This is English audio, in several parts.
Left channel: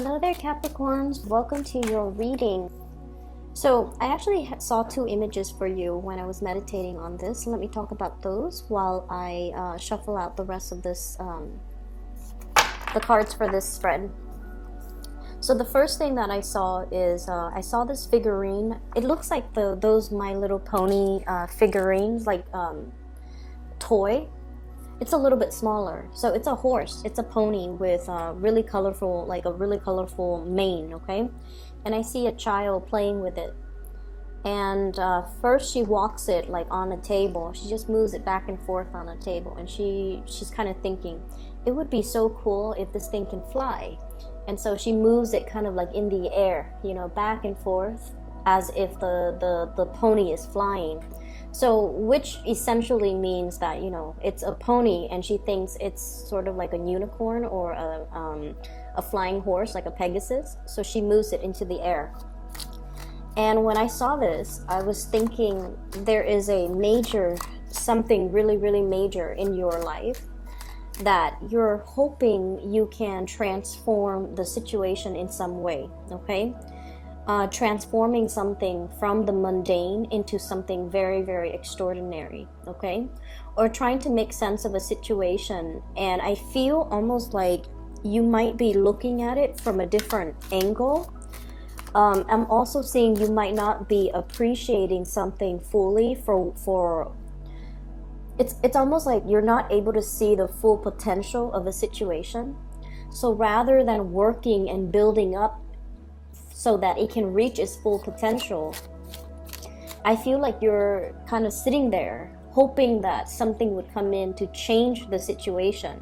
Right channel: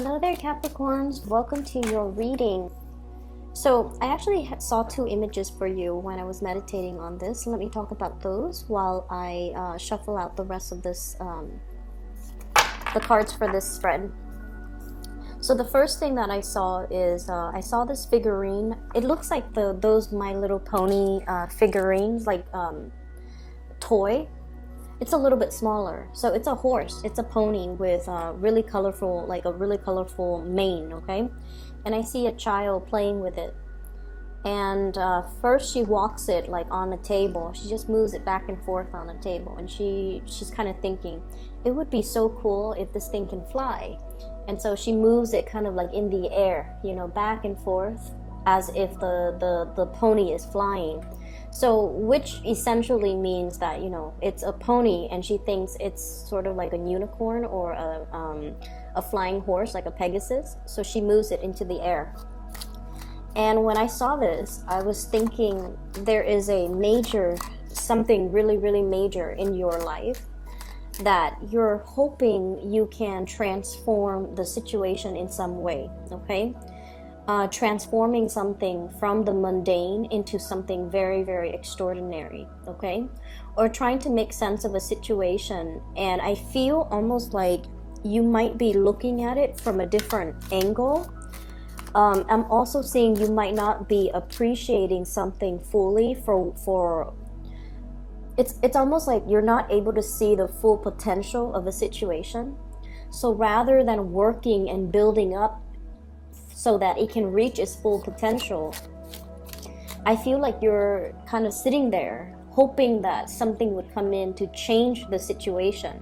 Hello there, Capricorns. Welcome to your reading. So I actually saw two images for you when I was meditating on this. Let me talk about those while I shuffle out the rest of this, the cards for this spread. So the first thing that I saw is I saw this figurine. It looks like those My Little Pony figurines, like toy. It's a little bit smaller. So it's a horse. It's a pony with really colorful, like a really colorful mane, okay? And I see a child playing with it. And first she walks it like on the table. She just moves it back and forth on the table. And she's kind of thinking, it would be so cool if this thing can fly. And so she moves it kind of like in the air, you know, back and forth as if the pony is flying. So, which essentially means that, you know, it's a pony and she thinks it's sort of like a unicorn or a flying horse, like a Pegasus. So she moves it into the air. And when I saw this, I was thinking there is a major, something really, really major in your life that you're hoping you can transform the situation in some way, okay? Transforming something from the mundane into something very, very extraordinary, okay? Or trying to make sense of a situation. And I feel almost like you might be looking at it from a different angle. I'm also seeing you might not be appreciating something fully for it's almost like you're not able to see the full potential of a situation. So rather than working and building up so that it can reach its full potential, I feel like you're kind of sitting there hoping that something would come in to change the situation,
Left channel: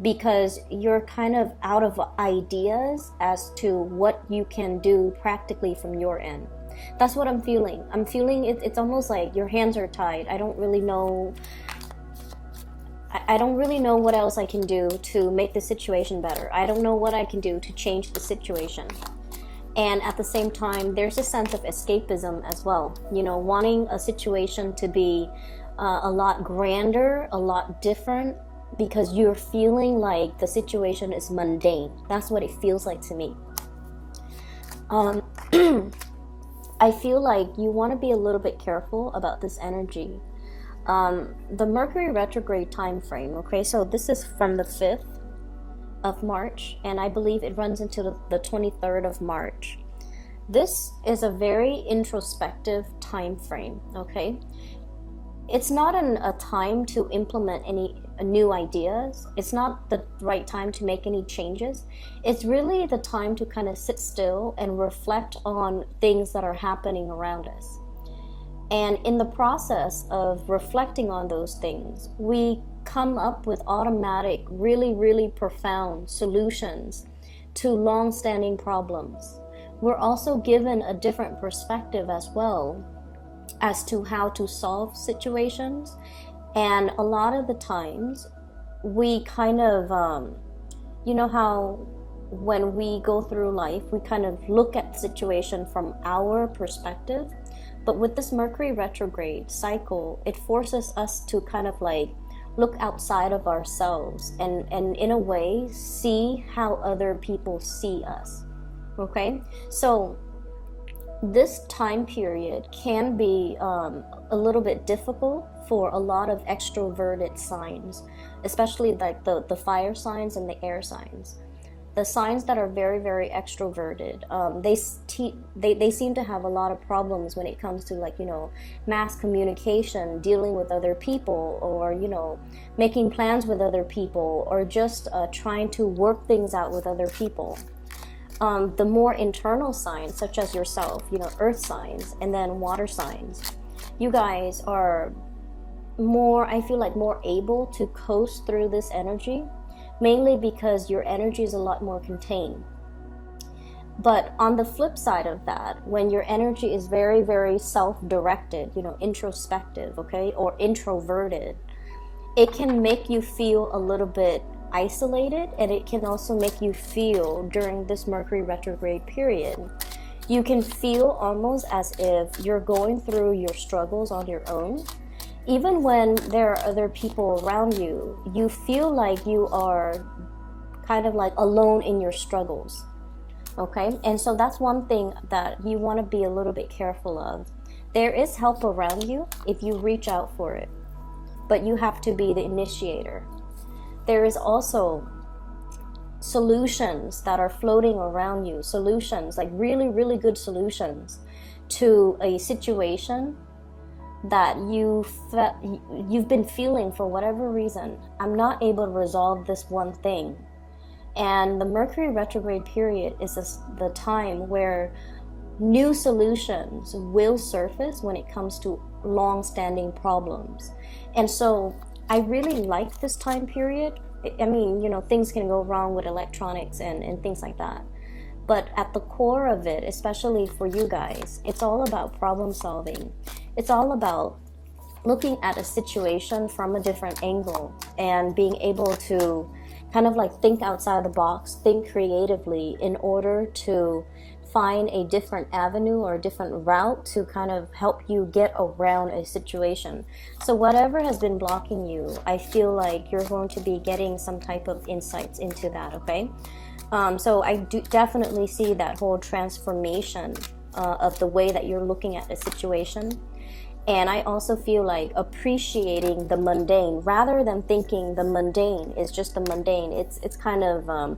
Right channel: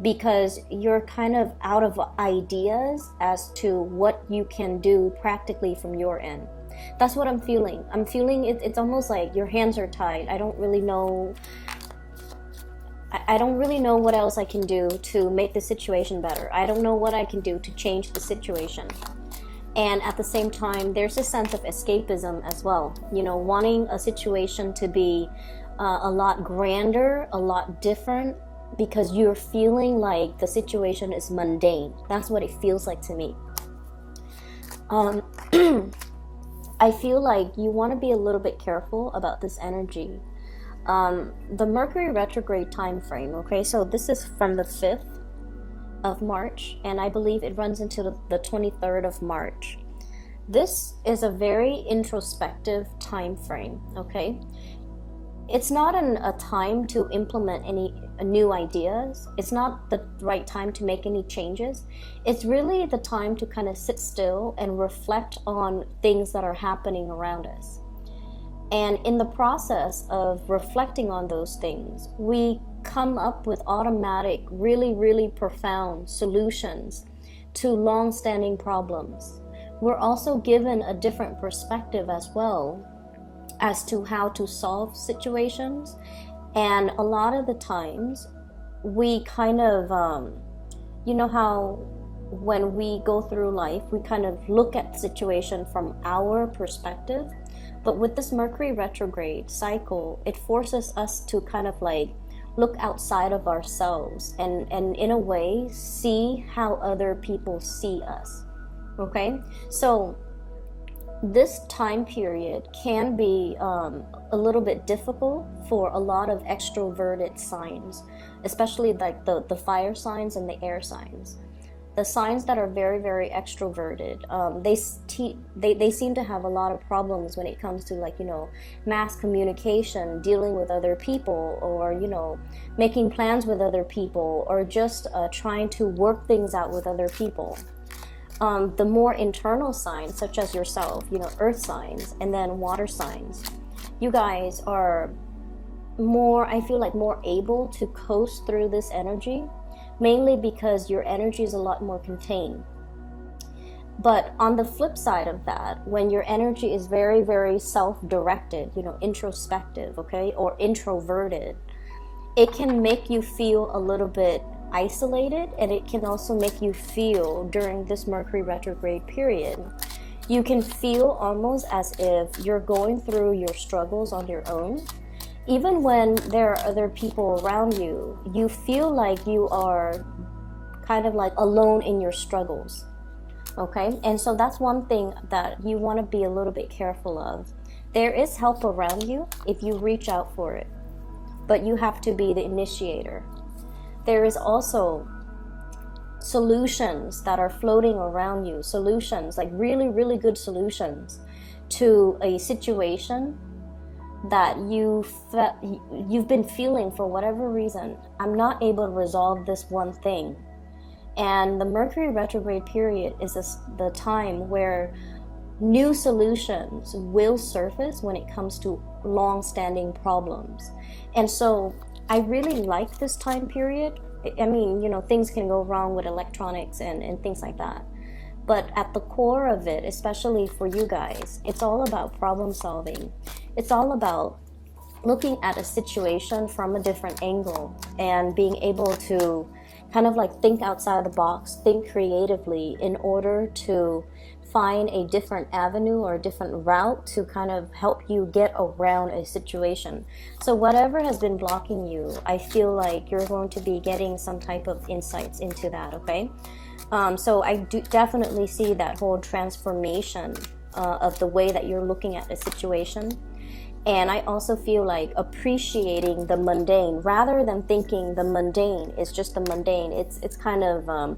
because you're kind of out of ideas as to what you can do practically from your end. That's what I'm feeling. I'm feeling it's almost like your hands are tied. I don't really know what else I can do to make the situation better. I don't know what I can do to change the situation. And at the same time, there's a sense of escapism as well. You know, wanting a situation to be a lot grander, a lot different, because you're feeling like the situation is mundane. That's what it feels like to me. I feel like you want to be a little bit careful about this energy. The Mercury retrograde time frame, okay? So this is from the 5th of March, and I believe it runs into the 23rd of March. This is a very introspective time frame, okay? It's not a time to implement any new ideas. It's not the right time to make any changes. It's really the time to kind of sit still and reflect on things that are happening around us. And in the process of reflecting on those things, we come up with automatic, really, really profound solutions to long-standing problems. We're also given a different perspective as well as to how to solve situations. And a lot of the times, we kind of, you know how when we go through life, we kind of look at the situation from our perspective. But with this Mercury retrograde cycle, it forces us to kind of like look outside of ourselves and in a way see how other people see us, okay? So this time period can be a little bit difficult for a lot of extroverted signs, especially like the fire signs and the air signs. The signs that are very, very extroverted, they seem to have a lot of problems when it comes to, like, you know, mass communication, dealing with other people, or, you know, making plans with other people, or just trying to work things out with other people. The more internal signs, such as yourself, you know, earth signs, and then water signs, you guys are more, I feel like, more able to coast through this energy, mainly because your energy is a lot more contained. But on the flip side of that, when your energy is very, very self-directed, you know, introspective, okay, or introverted, it can make you feel a little bit isolated, and it can also make you feel, during this Mercury retrograde period, you can feel almost as if you're going through your struggles on your own. Even when there are other people around you, you feel like you are kind of like alone in your struggles. Okay, and so that's one thing that you want to be a little bit careful of. There is help around you if you reach out for it, but you have to be the initiator. There is also solutions that are floating around you, solutions, like really, really good solutions to a situation that you've been feeling for whatever reason. I'm not able to resolve this one thing. And the Mercury retrograde period is the time where new solutions will surface when it comes to long-standing problems. And so I really like this time period. I mean, things can go wrong with electronics and things like that. But at the core of it, especially for you guys, it's all about problem solving. It's all about looking at a situation from a different angle and being able to kind of like think outside the box, think creatively in order to find a different avenue or a different route to kind of help you get around a situation. So whatever has been blocking you, I feel like you're going to be getting some type of insights into that, okay? So I do definitely see that whole transformation of the way that you're looking at the situation. And I also feel like appreciating the mundane rather than thinking the mundane is just the mundane. It's kind of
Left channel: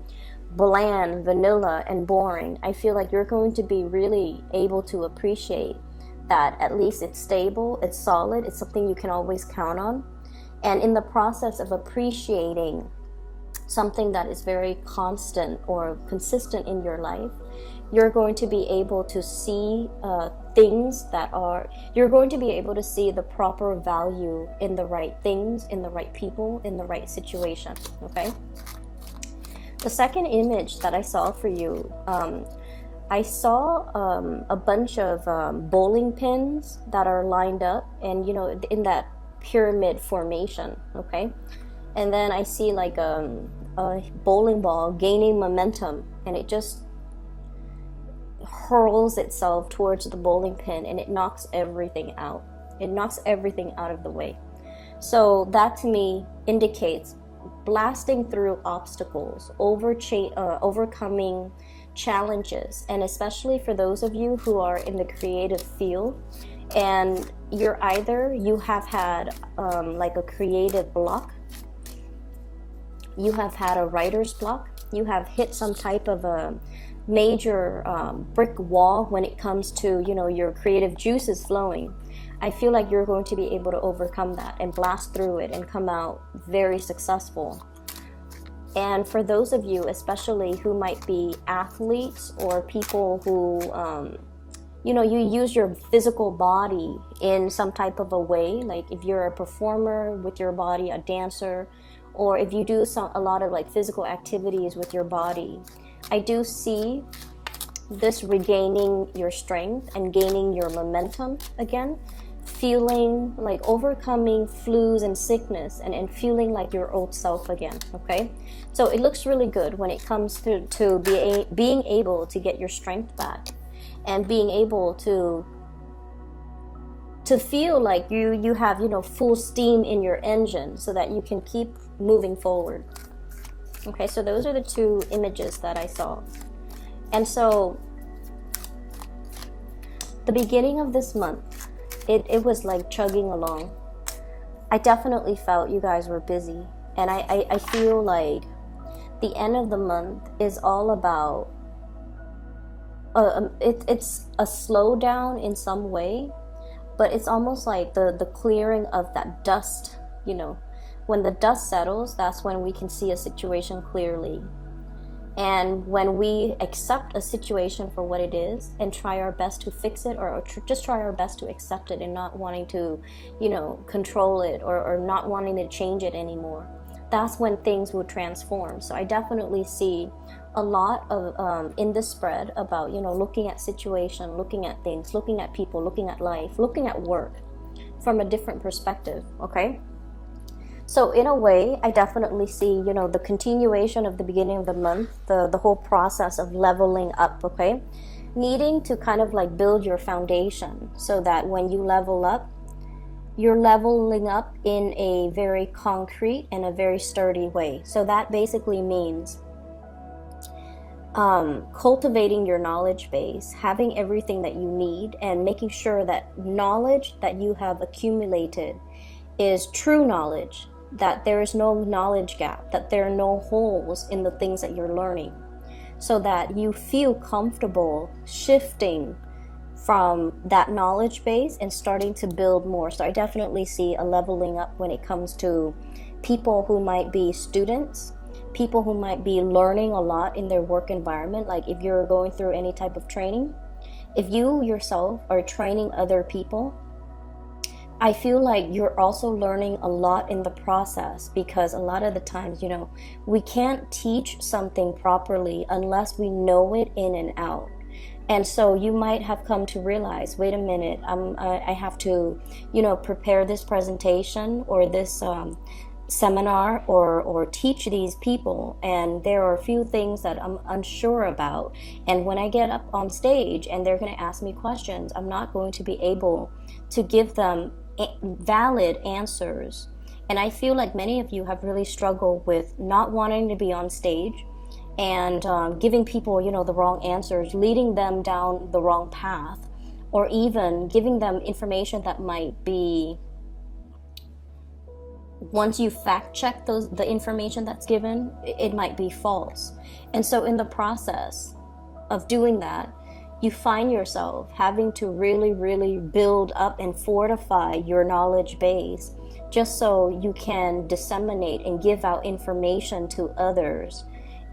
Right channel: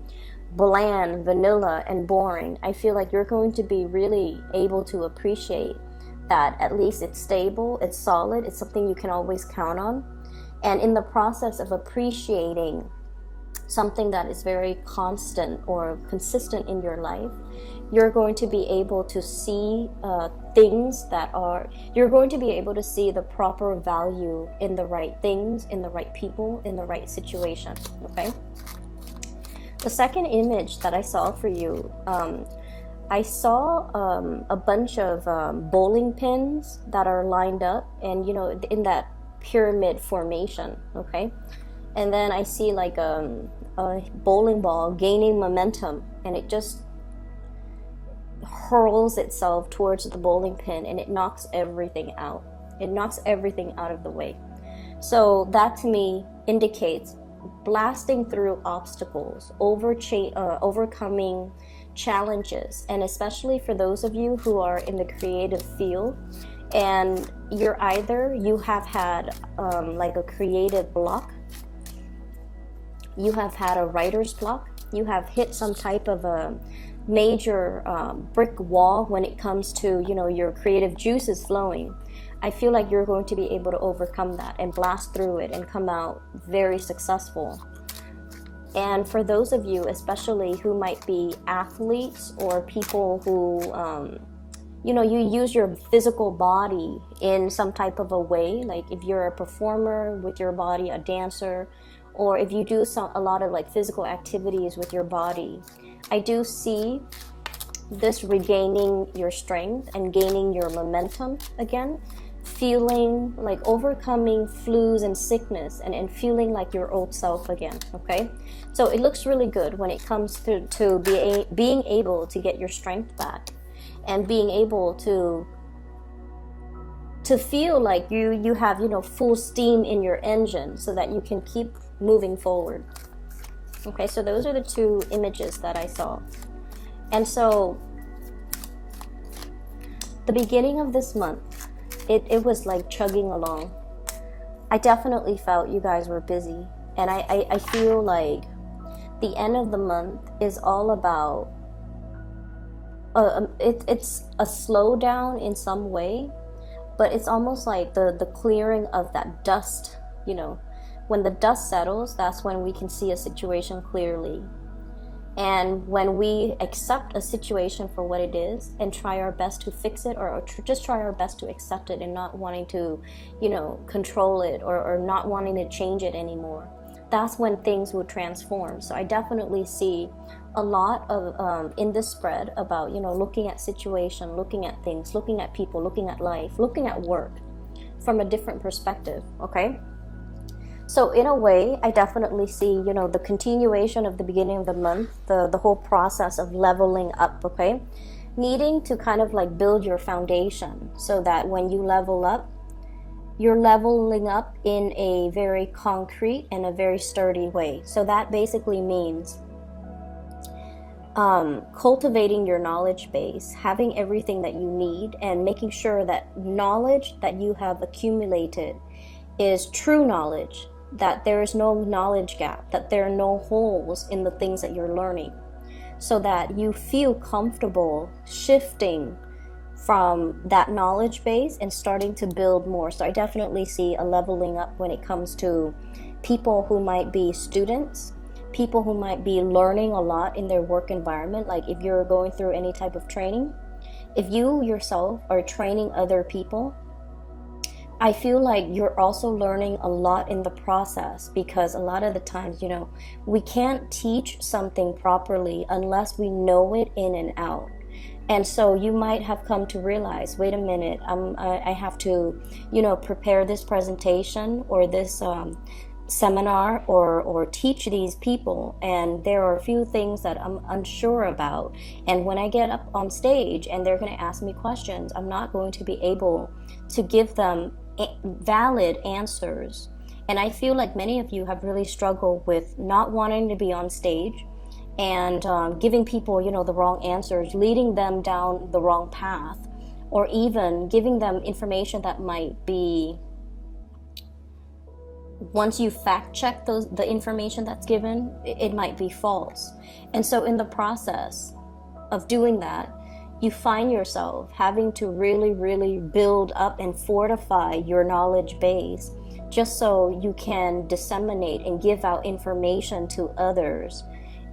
bland, vanilla, and boring. I feel like you're going to be really able to appreciate that at least it's stable, it's solid, it's something you can always count on. And in the process of appreciating something that is very constant or consistent in your life, you're going to be able to see things you're going to be able to see the proper value in the right things, in the right people, in the right situation, okay? The second image that I saw for you, I saw a bunch of bowling pins that are lined up and, in that pyramid formation, okay? And then I see like a bowling ball gaining momentum, and it just hurls itself towards the bowling pin, and it knocks everything out. It knocks everything out of the way. So that to me indicates blasting through obstacles, overcoming challenges, and especially for those of you who are in the creative field and you have had like a creative block, you have had a writer's block, you have hit some type of a major brick wall when it comes to your creative juices flowing. I feel like you're going to be able to overcome that and blast through it and come out very successful. And for those of you especially who might be athletes or people who you use your physical body in some type of a way, like if you're a performer with your body, a dancer, or if you do a lot of like physical activities with your body, I do see this regaining your strength and gaining your momentum again, feeling like overcoming flus and sickness and feeling like your old self again, okay? So it looks really good when it comes to being able to get your strength back and being able to feel like you have full steam in your engine so that you can keep moving forward. Okay, so those are the two images that I saw. And so the beginning of this month, it was like chugging along. I definitely felt you guys were busy, and I feel like the end of the month is all about it's a slowdown in some way, but it's almost like the clearing of that dust. When the dust settles, that's when we can see a situation clearly. And when we accept a situation for what it is and try our best to fix it, or just try our best to accept it and not wanting to, control it or not wanting to change it anymore, that's when things will transform. So I definitely see a lot of in this spread about, looking at situation, looking at things, looking at people, looking at life, looking at work from a different perspective, okay? So in a way, I definitely see, the continuation of the beginning of the month, the whole process of leveling up, okay? Needing to kind of like build your foundation so that when you level up, you're leveling up in a very concrete and a very sturdy way. So that basically means cultivating your knowledge base, having everything that you need, and making sure that knowledge that you have accumulated is true knowledge, that there is no knowledge gap, that there are no holes in the things that you're learning, so that you feel comfortable shifting from that knowledge base and starting to build more. So I definitely see a leveling up when it comes to people who might be students, people who might be learning a lot in their work environment. Like if you're going through any type of training, if you yourself are training other people, I feel like you're also learning a lot in the process, because a lot of the times, we can't teach something properly unless we know it in and out. And so you might have come to realize, wait a minute, I have to, prepare this presentation or this seminar or teach these people, and there are a few things that I'm unsure about, and when I get up on stage and they're going to ask me questions, I'm not going to be able to give them valid answers. And I feel like many of you have really struggled with not wanting to be on stage and giving people the wrong answers, leading them down the wrong path, or even giving them information that might be, once you fact check the information that's given, it might be false. And so in the process of doing that, you find yourself having to really, really build up and fortify your knowledge base, just so you can disseminate and give out information to others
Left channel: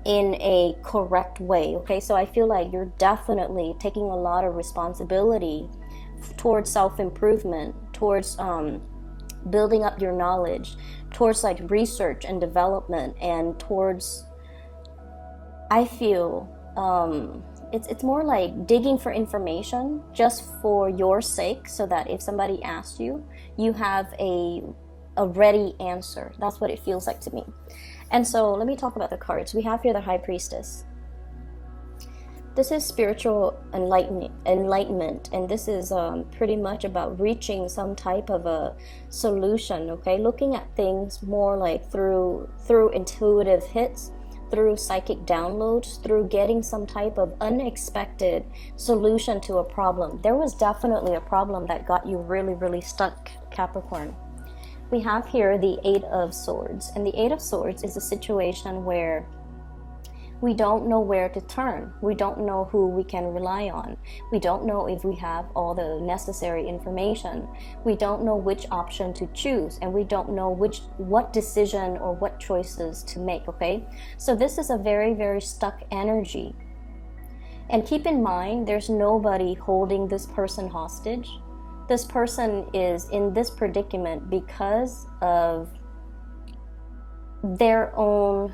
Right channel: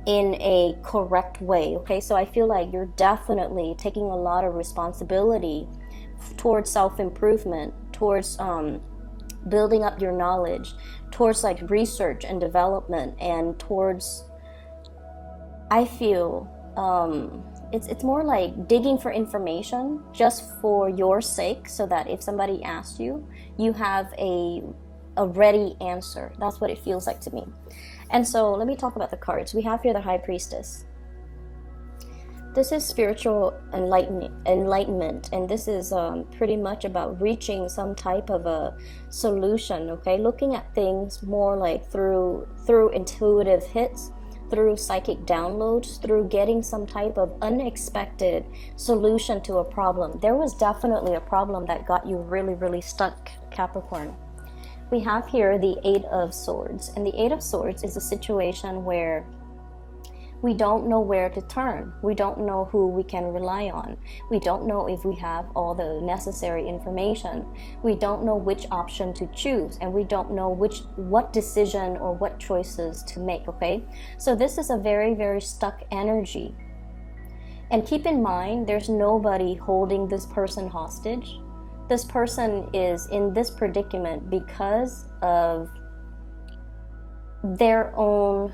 in a correct way. Okay, so I feel like you're definitely taking a lot of responsibility towards self-improvement, towards building up your knowledge, towards like research and development, and towards, I feel it's more like digging for information just for your sake, so that if somebody asks you, you have a ready answer. That's what it feels like to me. And so let me talk about the cards. We have here the High Priestess. This is spiritual enlightenment, and this is pretty much about reaching some type of a solution, okay? Looking at things more like through intuitive hits, through psychic downloads, through getting some type of unexpected solution to a problem. There was definitely a problem that got you really, really stuck, Capricorn. We have here the Eight of Swords, and the Eight of Swords is a situation where we don't know where to turn. We don't know who we can rely on. We don't know if we have all the necessary information. We don't know which option to choose, and we don't know what decision or what choices to make, okay? So this is a very, very stuck energy. And keep in mind, there's nobody holding this person hostage. This person is in this predicament because of their own,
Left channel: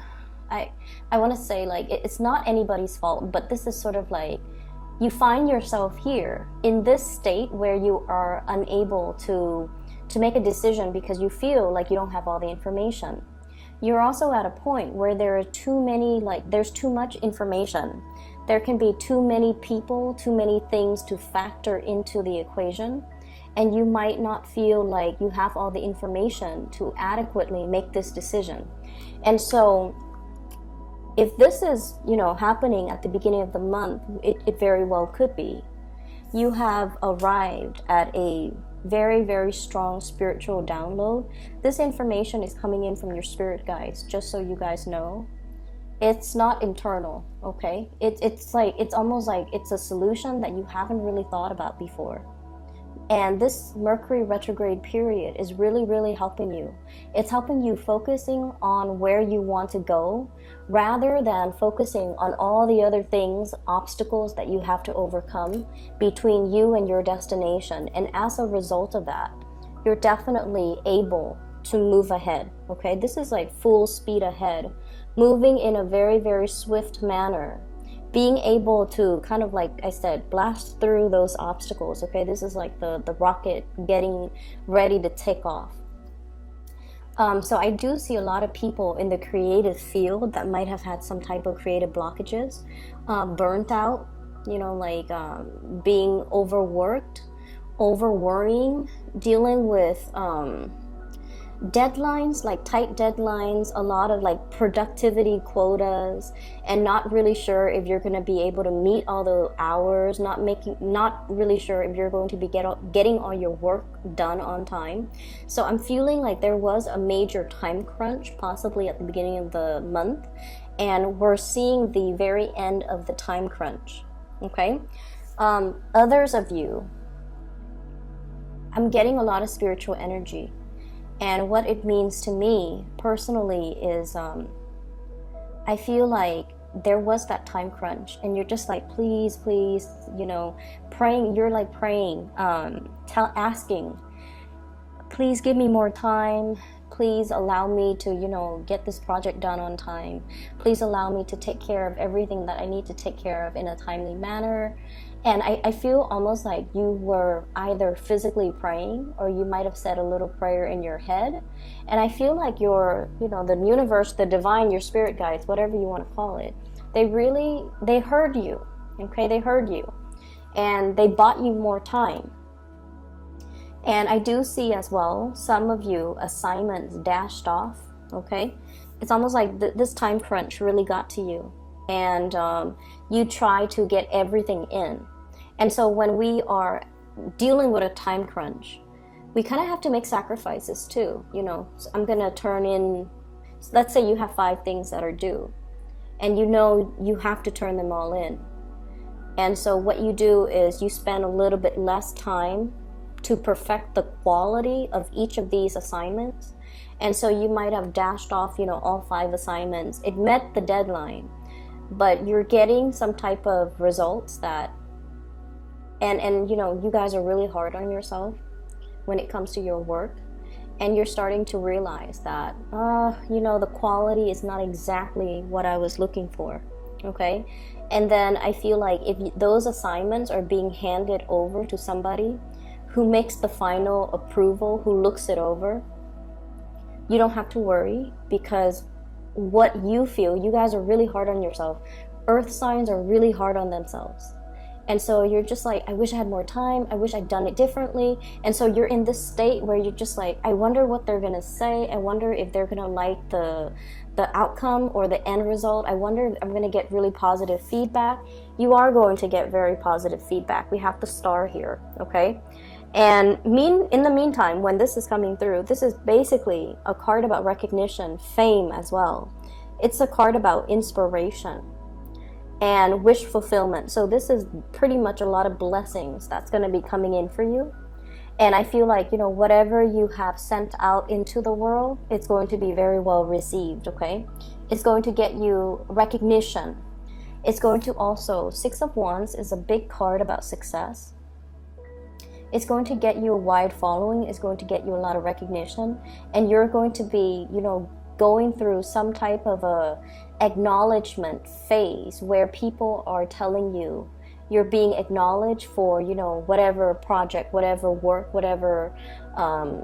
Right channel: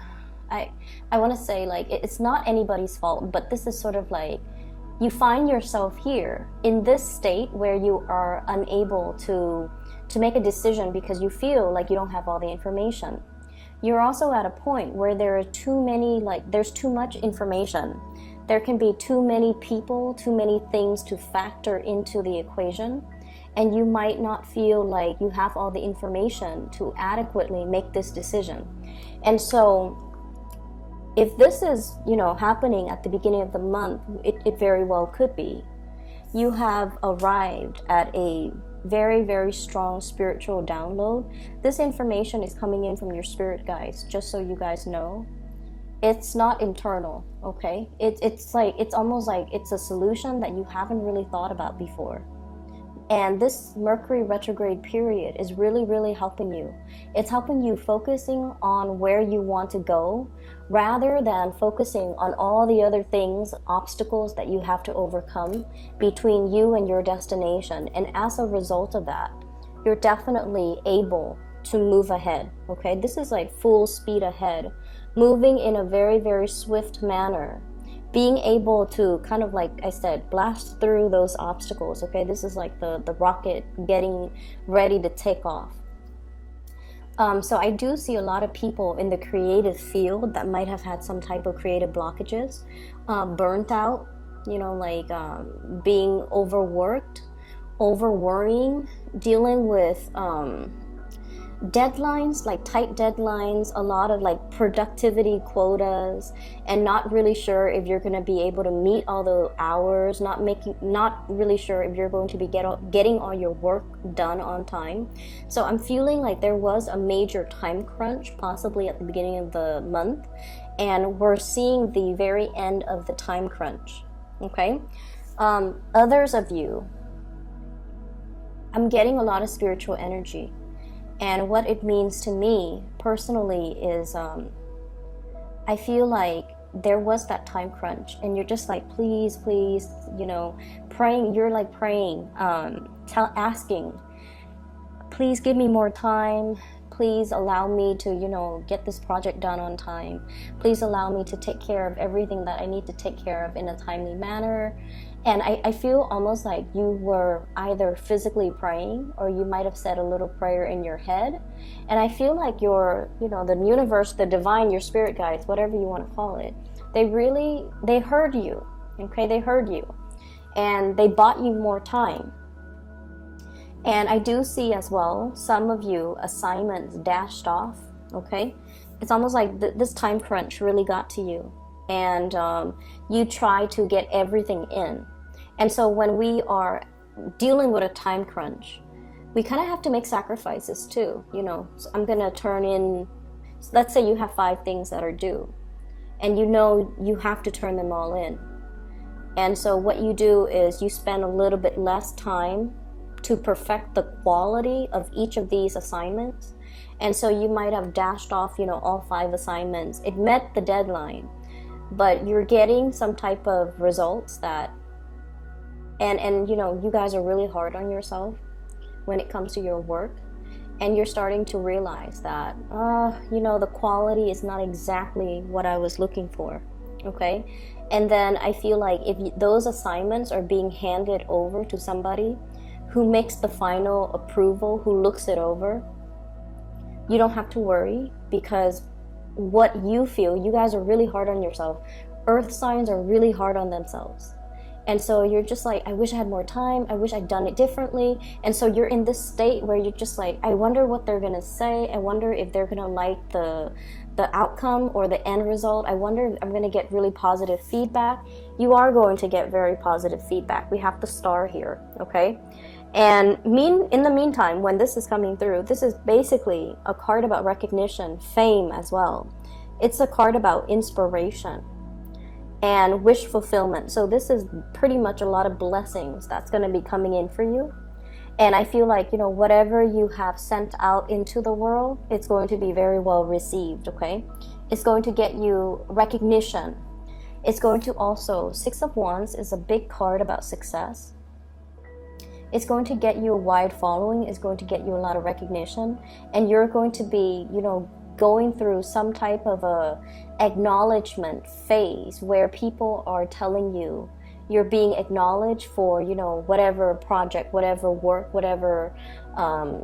I want to say, like, it's not anybody's fault, but this is sort of like, you find yourself here in this state where you are unable to make a decision because you feel like you don't have all the information. You're also at a point where there are there's too much information. There can be too many people, too many things to factor into the equation, and you might not feel like you have all the information to adequately make this decision. And so if this is, happening at the beginning of the month, it very well could be. You have arrived at a very, very strong spiritual download. This information is coming in from your spirit guides, just so you guys know. It's not internal, okay? It's almost like it's a solution that you haven't really thought about before. And this Mercury retrograde period is really, really helping you. It's helping you focusing on where you want to go, rather than focusing on all the other things, obstacles that you have to overcome between you and your destination. And as a result of that, you're definitely able to move ahead, okay? This is like full speed ahead, moving in a very, very swift manner, being able to kind of, like I said, blast through those obstacles, okay? This is like the rocket getting ready to take off. So I do see a lot of people in the creative field that might have had some type of creative blockages, burnt out, being overworked, overworrying, dealing with deadlines, like tight deadlines, a lot of like productivity quotas, and not really sure if you're going to be able to meet all the hours, not really sure if you're going to be getting all your work done on time. So I'm feeling like there was a major time crunch possibly at the beginning of the month, and we're seeing the very end of the time crunch. Okay. Others of you, I'm getting a lot of spiritual energy. And what it means to me personally is I feel like there was that time crunch, and you're just like, please, praying. You're like praying, asking, please give me more time. Please allow me to, get this project done on time. Please allow me to take care of everything that I need to take care of in a timely manner. And I feel almost like you were either physically praying, or you might have said a little prayer in your head. And I feel like the universe, the divine, your spirit guides, whatever you want to call it, they heard you. Okay, they heard you. And they bought you more time. And I do see as well, some of you, assignments dashed off. Okay, it's almost like this time crunch really got to you. And you try to get everything in. And so when we are dealing with a time crunch, we kind of have to make sacrifices too. So I'm going to turn in, let's say you have 5 things that are due, and you have to turn them all in. And so what you do is you spend a little bit less time to perfect the quality of each of these assignments. And so you might have dashed off, all 5 assignments. It met the deadline, but you're getting some type of results that, and you guys are really hard on yourself when it comes to your work, and you're starting to realize that, the quality is not exactly what I was looking for. Okay. And then I feel like if those assignments are being handed over to somebody who makes the final approval, who looks it over, you don't have to worry, because what you feel, you guys are really hard on yourself. Earth signs are really hard on themselves. And so you're just like, I wish I had more time. I wish I'd done it differently. And so you're in this state where you're just like, I wonder what they're going to say. I wonder if they're going to like the outcome or the end result. I wonder if I'm going to get really positive feedback. You are going to get very positive feedback. We have the star here, okay? And in the meantime, when this is coming through, this is basically a card about recognition, fame as well. It's a card about inspiration and wish fulfillment. So this is pretty much a lot of blessings that's going to be coming in for you. And I feel like, whatever you have sent out into the world, it's going to be very well received, okay? It's going to get you recognition. It's going to also, 6 of Wands is a big card about success. It's going to get you a wide following. It's going to get you a lot of recognition. And you're going to be, going through some type of a acknowledgement phase where people are telling you you're being acknowledged for, whatever project, whatever work, whatever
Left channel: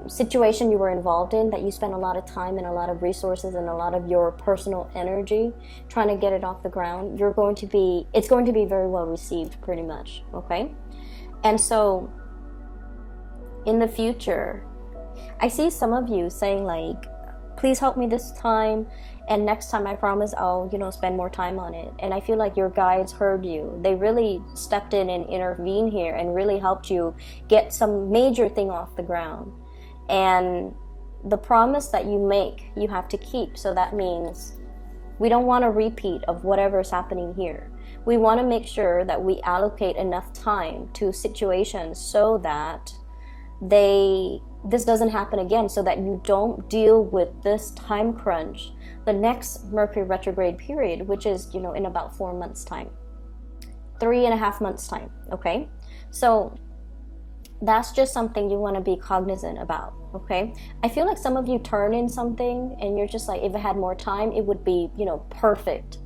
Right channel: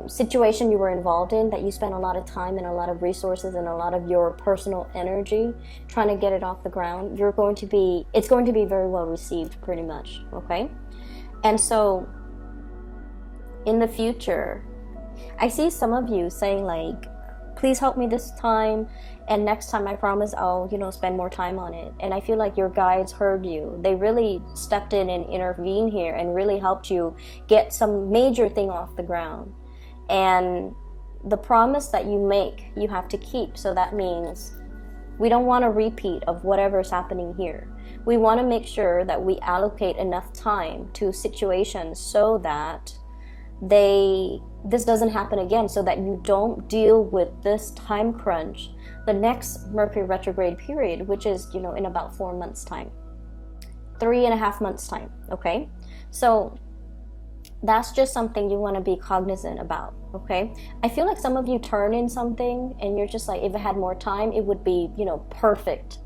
situation you were involved in, that you spent a lot of time and a lot of resources and a lot of your personal energy trying to get it off the ground. It's going to be very well received, pretty much, okay? And so in the future, I see some of you saying like, please help me this time, and next time I promise I'll, spend more time on it. And I feel like your guides heard you. They really stepped in and intervened here and really helped you get some major thing off the ground. And the promise that you make, you have to keep. So that means we don't want a repeat of whatever is happening here. We want to make sure that we allocate enough time to situations so that this doesn't happen again, so that you don't deal with this time crunch the next Mercury retrograde period, which is, in about 4 months' time, 3.5 months' time, okay? So that's just something you want to be cognizant about, okay? I feel like some of you turn in something and you're just like, if I had more time, it would be, perfect.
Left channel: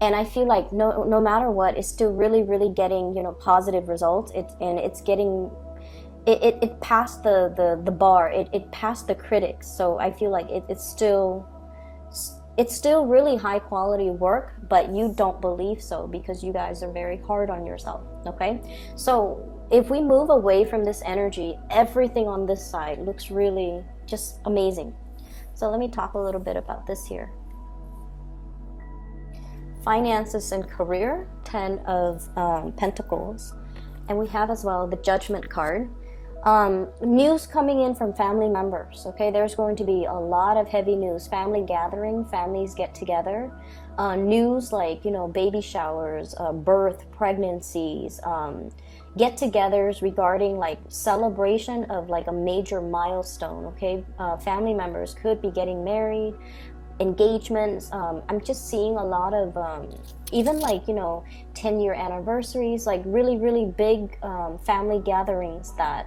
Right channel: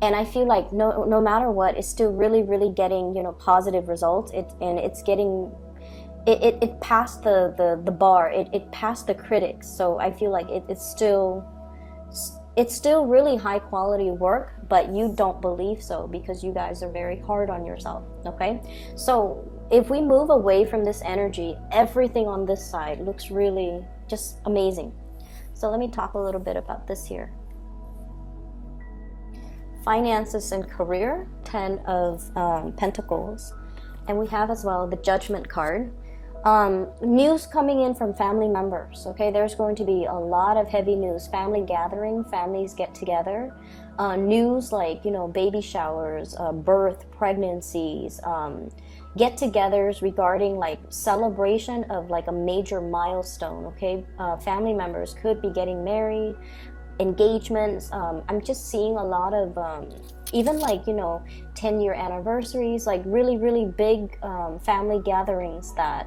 And I feel like no matter what, it's still really, really getting, positive results. It's getting... It passed the bar. It passed the critics. So I feel like it's still really high quality work, but you don't believe so because you guys are very hard on yourself. Okay. So if we move away from this energy, everything on this side looks really just amazing. So let me talk a little bit about this here. Finances and career, 10 of Pentacles. And we have as well the Judgment card. News coming in from family members. Okay, there's going to be a lot of heavy news. Family gathering, families get together. News like, you know, baby showers, birth, pregnancies, get-togethers regarding like celebration of like a major milestone. Okay, family members could be getting married, engagements. I'm just seeing a lot of even like, you know, 10-year anniversaries, like really big family gatherings that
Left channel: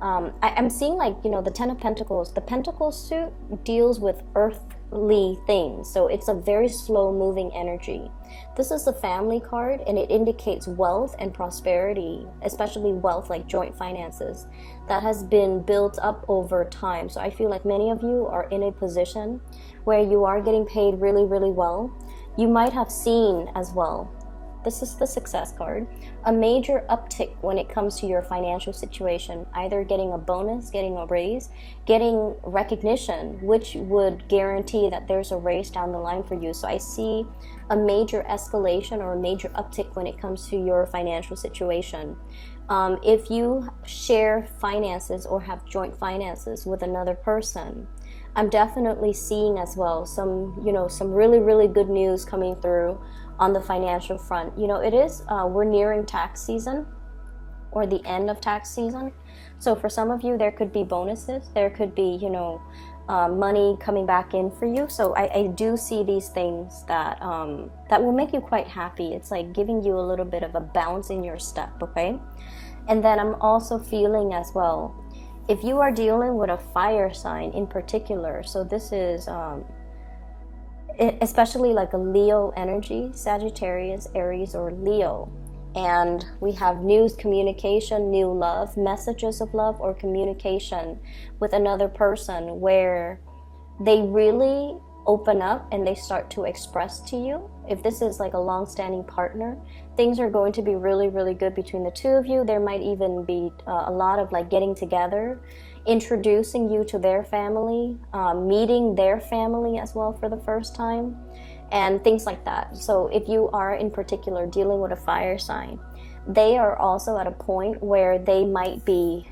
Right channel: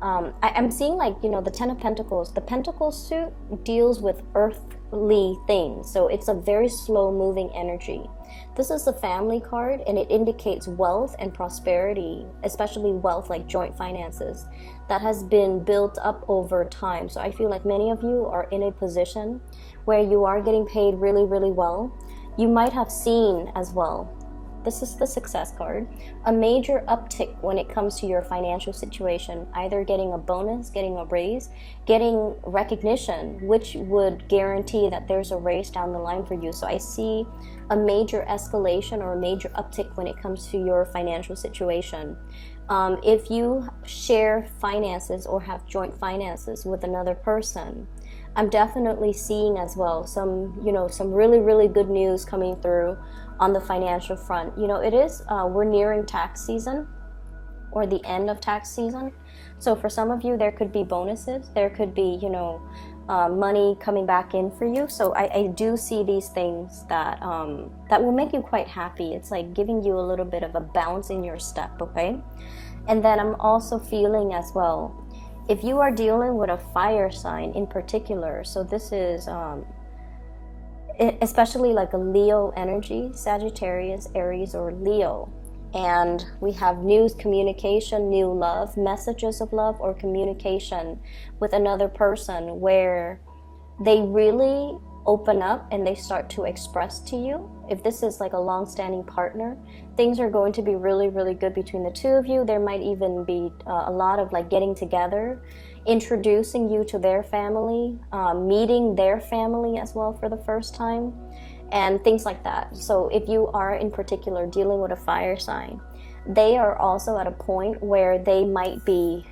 I'm seeing, like, you know, the 10 of Pentacles. The Pentacle suit deals with earthly things, so it's a very slow moving energy. This is the family card, and it indicates wealth and prosperity, especially wealth like joint finances that has been built up over time. So I feel like many of you are in a position where you are getting paid really well. You might have seen as well, this is the Success card, a major uptick when it comes to your financial situation, either getting a bonus, getting a raise, getting recognition, which would guarantee that there's a raise down the line for you. So I see a major escalation or a major uptick when it comes to your financial situation. If you share finances or have joint finances with another person, I'm definitely seeing as well some, you know, some really good news coming through on the financial front. You know, it is, we're nearing tax season or the end of tax season. So for some of you, there could be bonuses. There could be, you know, money coming back in for you. So I do see these things that that will make you quite happy. It's like giving you a little bit of a bounce in your step, okay? And then I'm also feeling as well, if you are dealing with a fire sign in particular, so this is especially like a Leo energy, Sagittarius, Aries, or Leo. And we have news, communication, new love, messages of love, or communication with another person where they really open up and they start to express to you. If this is like a long-standing partner, things are going to be really good between the two of you. There might even be a lot of like getting together, introducing you to their family, meeting their family as well for the first time, and things like that. So if you are in particular dealing with a fire sign, they are also at a point where they might be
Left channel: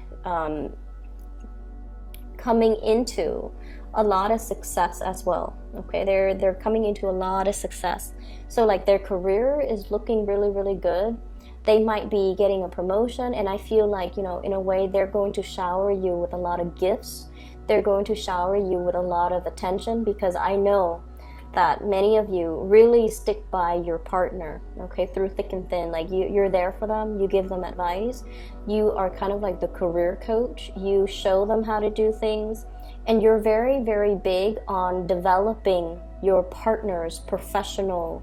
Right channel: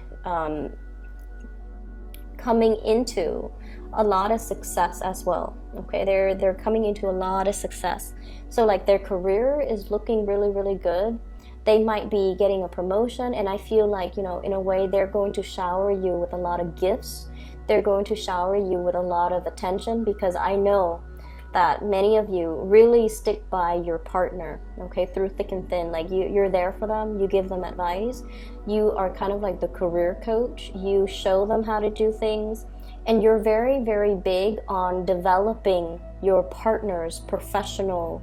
coming into a lot of success as well. Okay, they're coming into a lot of success. So like their career is looking really good. They might be getting a promotion, and I feel like, you know, in a way they're going to shower you with a lot of gifts. They're going to shower you with a lot of attention, because I know that many of you really stick by your partner, okay, through thick and thin. Like you're there for them, you give them advice, you are kind of like the career coach, you show them how to do things, and you're very big on developing your partner's professional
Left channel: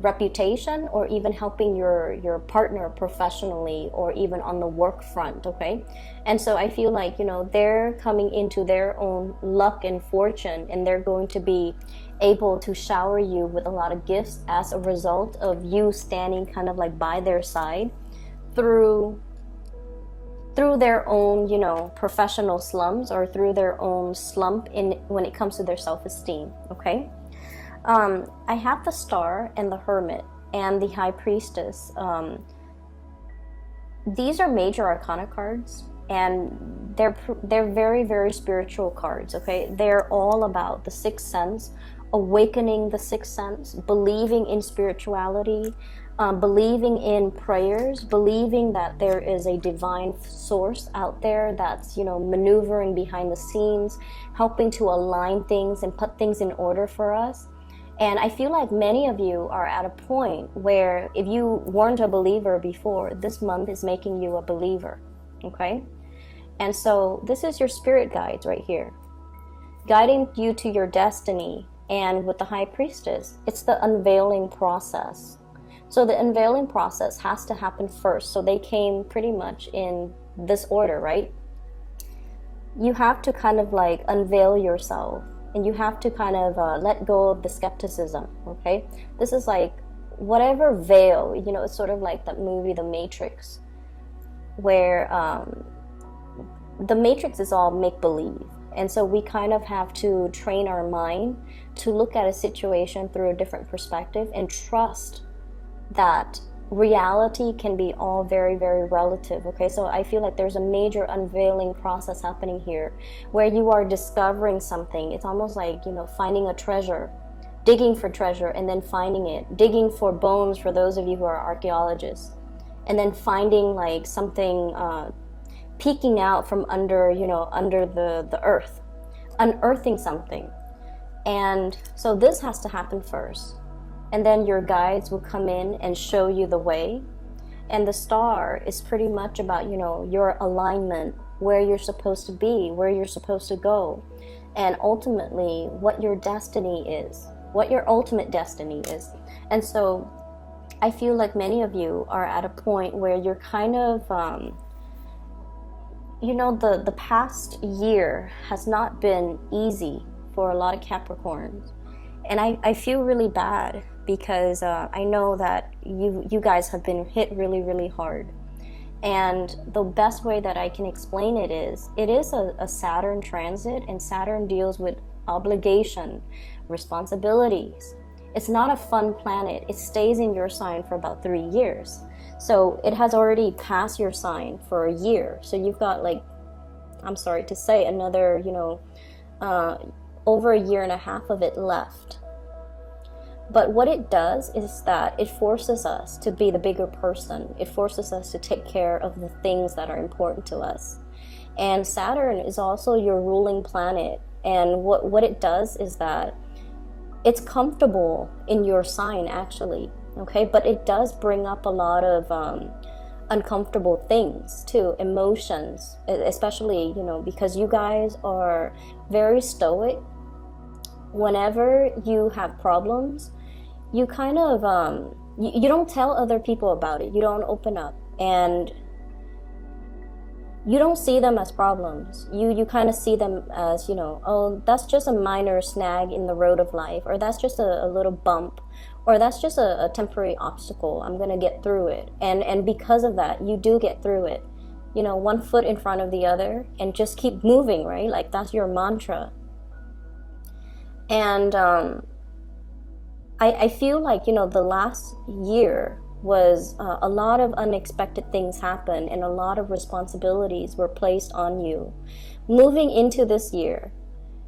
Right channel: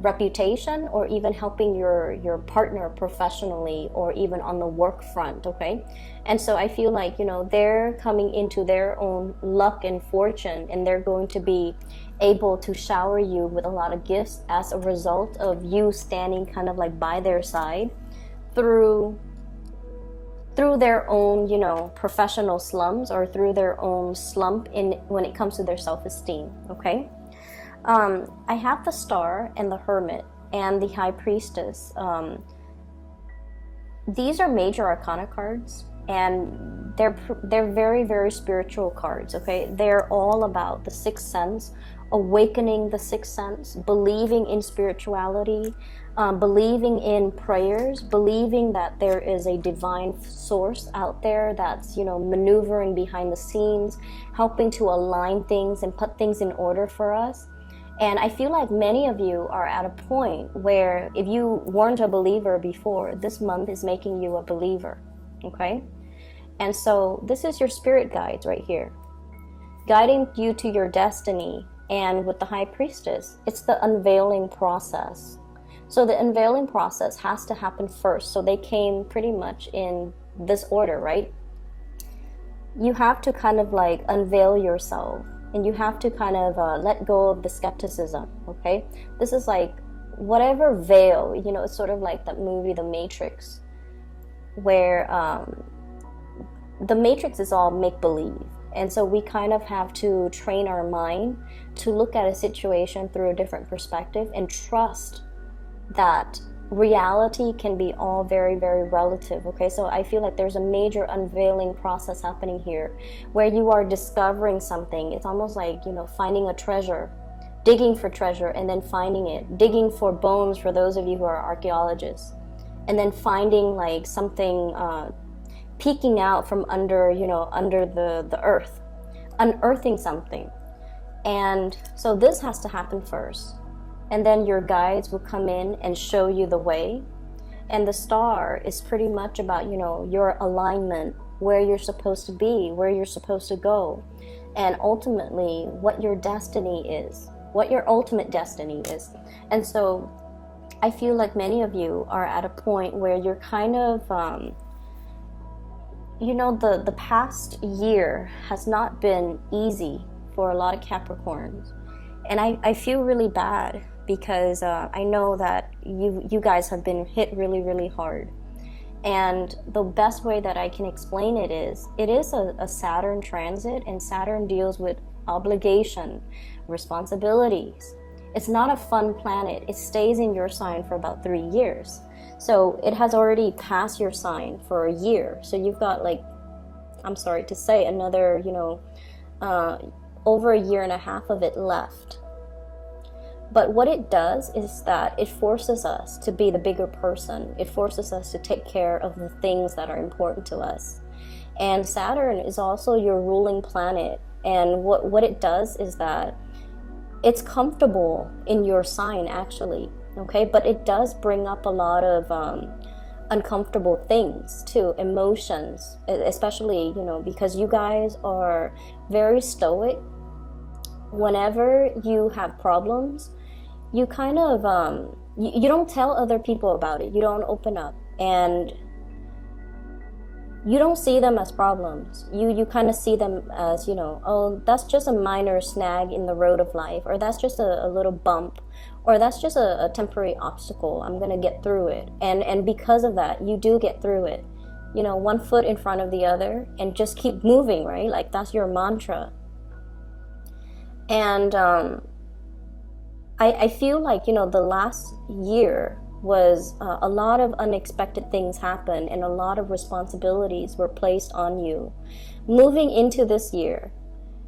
reputation, or even helping your partner professionally, or even on the work front, okay? And so I feel like, you know, they're coming into their own luck and fortune, and they're going to be able to shower you with a lot of gifts as a result of you standing kind of like by their side through their own, you know, professional slumps, or through their own slump in when it comes to their self-esteem, okay? I have the Star and the Hermit and the High Priestess. These are major arcana cards, and they're very spiritual cards, okay? They're all about the sixth sense, awakening the sixth sense, believing in spirituality, believing in prayers, believing that there is a divine source out there that's, you know, maneuvering behind the scenes, helping to align things and put things in order for us. And I feel like many of you are at a point where if you weren't a believer before, this month is making you a believer, okay? And so this is your spirit guides right here, guiding you to your destiny. And with the High Priestess, it's the unveiling process. So the unveiling process has to happen first. So they came pretty much in this order, right? You have to kind of like unveil yourself, and you have to kind of let go of the skepticism, okay? This is like whatever veil, you know, it's sort of like that movie, The Matrix, where the matrix is all make-believe. And so we kind of have to train our mind to look at a situation through a different perspective and trust that reality can be all very, very relative. Okay, so I feel like there's a major unveiling process happening here where you are discovering something. It's almost like, you know, finding a treasure, digging for treasure and then finding it, digging for bones for those of you who are archaeologists, and then finding like something peeking out from under, you know, under the earth, unearthing something. And so this has to happen first. And then your guides will come in and show you the way. And the star is pretty much about, you know, your alignment, where you're supposed to be, where you're supposed to go, and ultimately what your destiny is, what your ultimate destiny is. And so I feel like many of you are at a point where you're kind of, you know, the past year has not been easy for a lot of Capricorns. And I feel really bad because I know that you guys have been hit really, really hard. And the best way that I can explain it is a Saturn transit, and Saturn deals with obligation, responsibilities. It's not a fun planet. It stays in your sign for about 3 years. So it has already passed your sign for a year. So you've got, like, I'm sorry to say, another, you know, over a year and a half of it left. But what it does is that it forces us to be the bigger person. It forces us to take care of the things that are important to us. And Saturn is also your ruling planet. And what it does is that it's comfortable in your sign, actually. Okay, but it does bring up a lot of uncomfortable things too, emotions, especially, you know, because you guys are very stoic. Whenever you have problems, you kind of you don't tell other people about it. You don't open up, and you don't see them as problems. You kind of see them as, you know, oh, that's just a minor snag in the road of life, or that's just a little bump, or that's just a temporary obstacle. I'm gonna get through it. And because of that, you do get through it. You know, one foot in front of the other and just keep moving, right? Like, that's your mantra. And I feel like, you know, the last year was a lot of unexpected things happened, and a lot of responsibilities were placed on you. Moving into this year,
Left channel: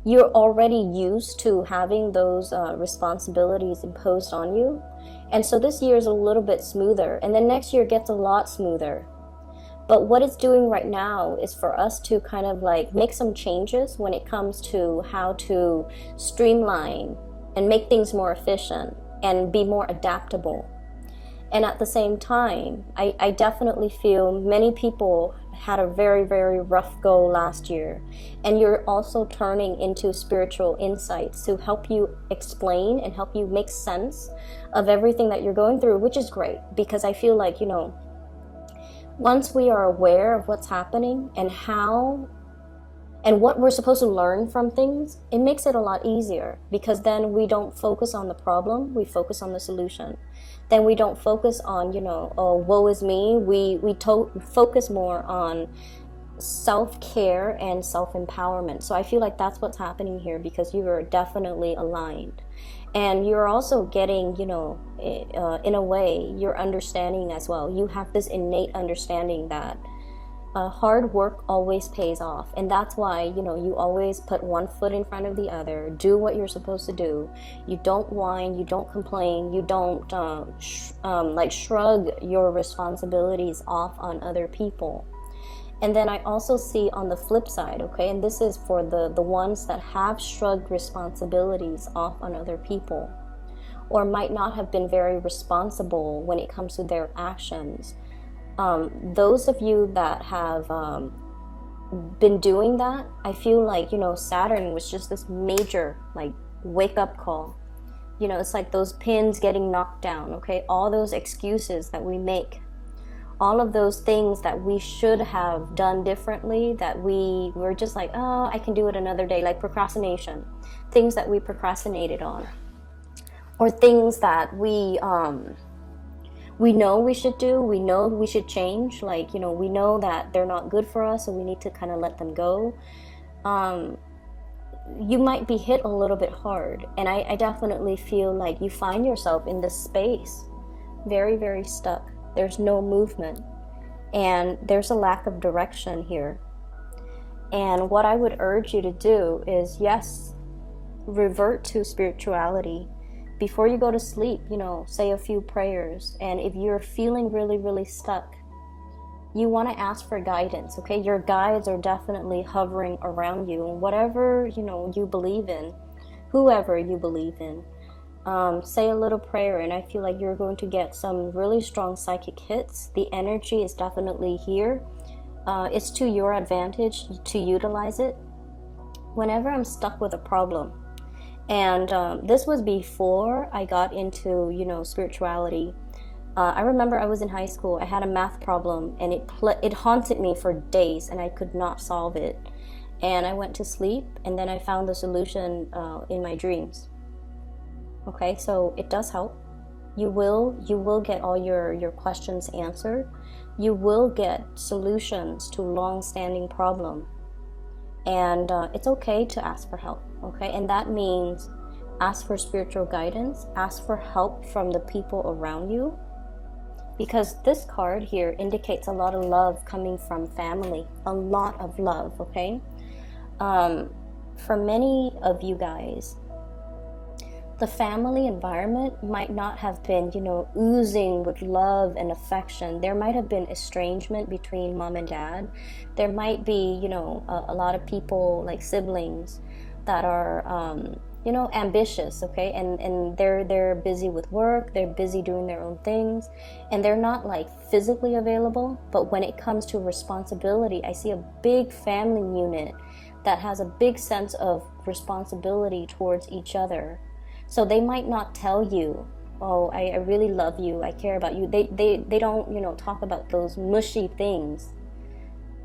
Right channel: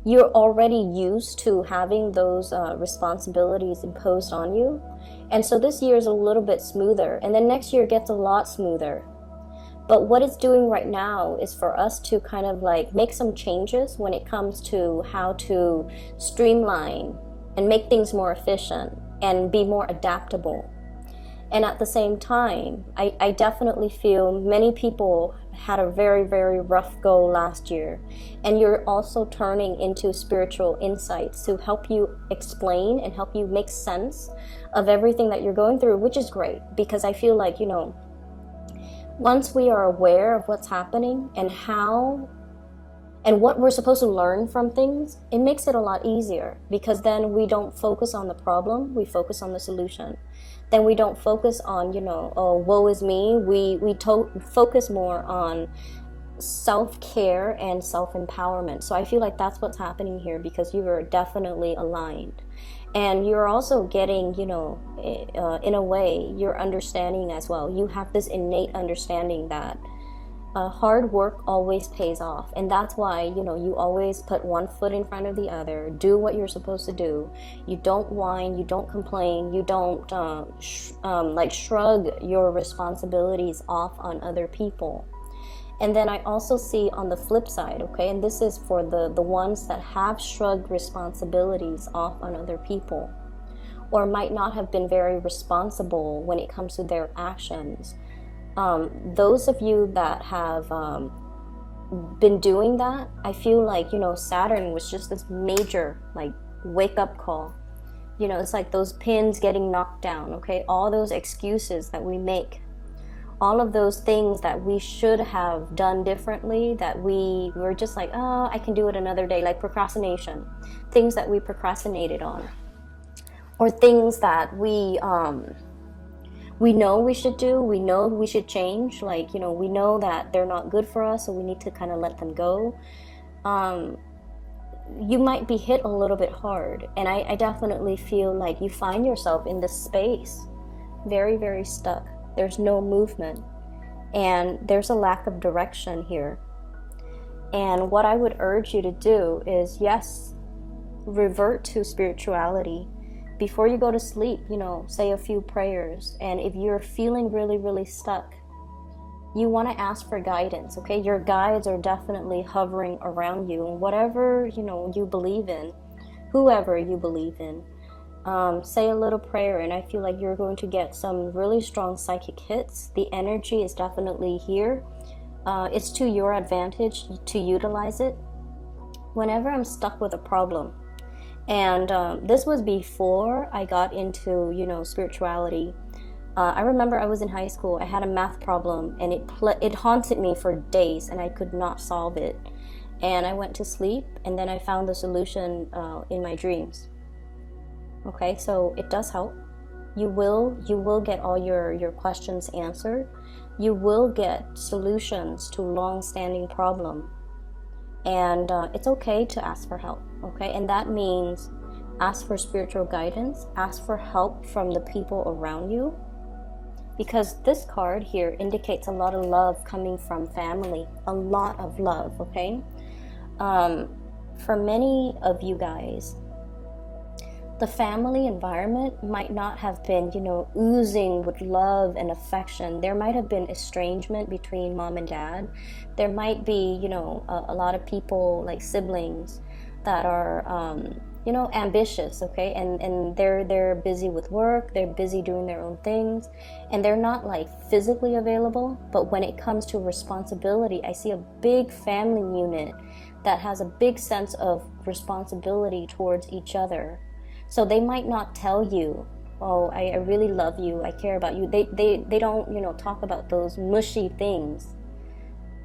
you're already used to having those responsibilities imposed on you. And so this year is a little bit smoother, and then next year gets a lot smoother. But what it's doing right now is for us to kind of like make some changes when it comes to how to streamline and make things more efficient and be more adaptable. And at the same time, I definitely feel many people had a very, very rough go last year. And you're also turning into spiritual insights to help you explain and help you make sense of everything that you're going through, which is great. Because I feel like, you know, once we are aware of what's happening and how and what we're supposed to learn from things, it makes it a lot easier, because then we don't focus on the problem, we focus on the solution. Then we don't focus on, you know, oh, woe is me. We focus more on self-care and self-empowerment. So I feel like that's what's happening here, because you are definitely aligned. And you're also getting, you know, in a way, you're understanding as well. You have this innate understanding that hard work always pays off. And that's why, you know, you always put one foot in front of the other, do what you're supposed to do. You don't whine, you don't complain, you don't like shrug your responsibilities off on other people. And then I also see on the flip side, okay, and this is for the ones that have shrugged responsibilities off on other people, or might not have been very responsible when it comes to their actions. Those of you that have been doing that, I feel like, you know, Saturn was just this major, like, wake-up call. You know, it's like those pins getting knocked down, okay? All those excuses that we make, all of those things that we should have done differently, that we were just like, oh, I can do it another day, like procrastination, things that we procrastinated on, or things that we we know we should do, we know we should change, like, you know, we know that they're not good for us, so we need to kind of let them go. You might be hit a little bit hard, and I definitely feel like you find yourself in this space very, very stuck. There's no movement, and there's a lack of direction here. And what I would urge you to do is, yes, revert to spirituality. Before you go to sleep, you know, say a few prayers. And if you're feeling really, really stuck, you want to ask for guidance, okay? Your guides are definitely hovering around you. And whatever, you know, you believe in, whoever you believe in, say a little prayer, and I feel like you're going to get some really strong psychic hits. The energy is definitely here. It's to your advantage to utilize it. Whenever I'm stuck with a problem, and this was before I got into, you know, spirituality. I remember I was in high school. I had a math problem, and it haunted me for days, and I could not solve it. And I went to sleep, and then I found the solution in my dreams. Okay, so it does help. You will get all your questions answered. You will get solutions to long-standing problem. And it's okay to ask for help, okay? And that means ask for spiritual guidance, ask for help from the people around you, because this card here indicates a lot of love coming from family, a lot of love, okay? For many of you guys, the family environment might not have been, you know, oozing with love and affection. There might have been estrangement between mom and dad. There might be, you know, a lot of people, like siblings, that are, you know, ambitious, okay? And they're busy with work, they're busy doing their own things, and they're not, like, physically available. But when it comes to responsibility, I see a big family unit that has a big sense of responsibility towards each other. So they might not tell you, oh, I really love you, I care about you. They don't, you know, talk about those mushy things.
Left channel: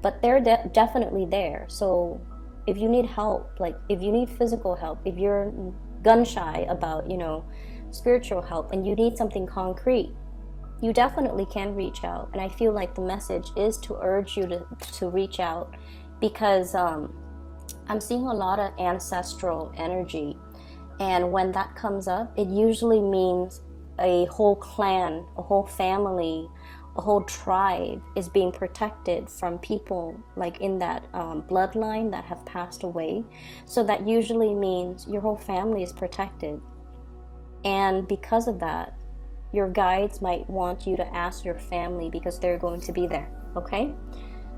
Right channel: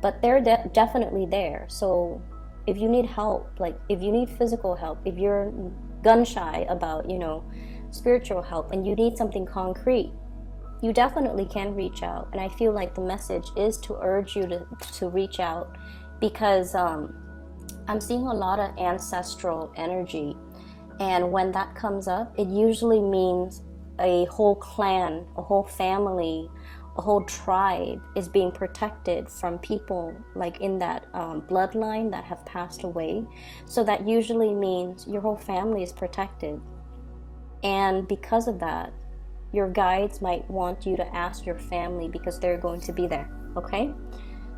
But they're definitely there. So if you need help, like if you need physical help, if you're gun shy about, you know, spiritual help, and you need something concrete, you definitely can reach out. And I feel like the message is to urge you to reach out, because I'm seeing a lot of ancestral energy. And when that comes up, it usually means a whole clan, a whole family, a whole tribe is being protected from people like in that bloodline that have passed away. So that usually means your whole family is protected. And because of that, your guides might want you to ask your family, because they're going to be there, okay?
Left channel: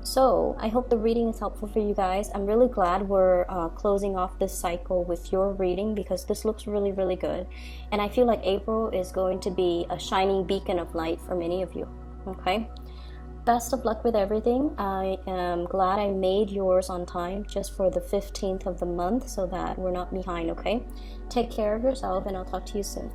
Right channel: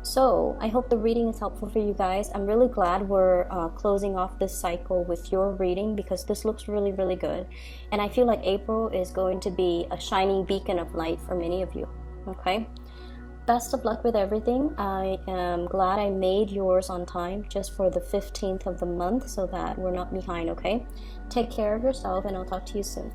So I hope the reading is helpful for you guys. I'm really glad we're closing off this cycle with your reading, because this looks really, really good. And I feel like April is going to be a shining beacon of light for many of you. Okay? Best of luck with everything. I am glad I made yours on time just for the 15th of the month, so that we're not behind, okay? Take care of yourself, and I'll talk to you soon.